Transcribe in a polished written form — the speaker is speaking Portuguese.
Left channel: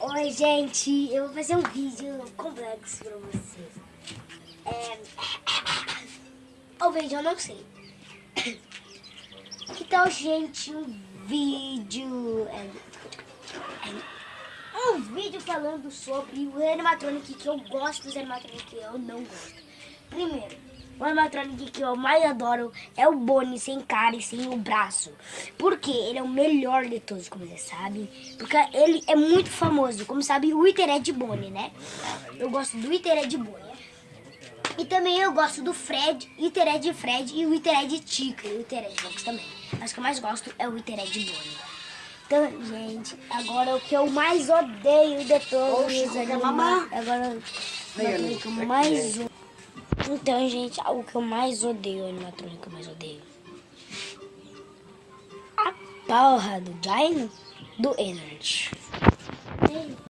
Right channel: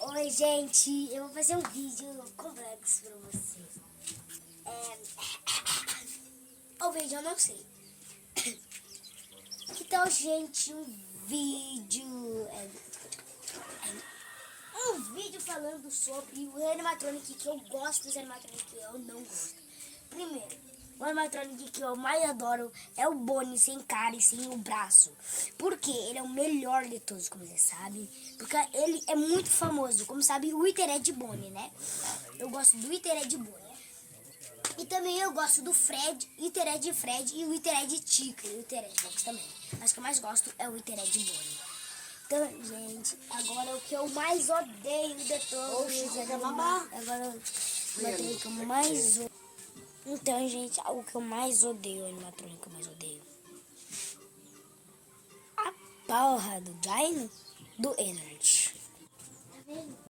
Oi, gente, eu vou fazer um vídeo complexo pra vocês. O vídeo eu não sei. Então, gente, um vídeo falando sobre o animatronic que eu gosto dos animatronic que eu não gosto. Primeiro, o animatronic que eu mais adoro é o Bonnie sem cara e sem o braço. Porque ele é o melhor de todos, como vocês sabem. Porque ele é muito famoso. Como sabe, o Withered Bonnie, né? Eu gosto do Withered Bonnie. E também eu gosto do Fred, Withered Fred e o Withered Chica e o Withered Fox também. Mas o que eu mais gosto é o Withered Bonnie. Então, gente, agora o que eu mais odeio de todos os animais. Agora o que eu mais odeio. Então, gente, o que eu mais odeio, o animatrônico que eu mais odeio. A porra do Dino do Energy.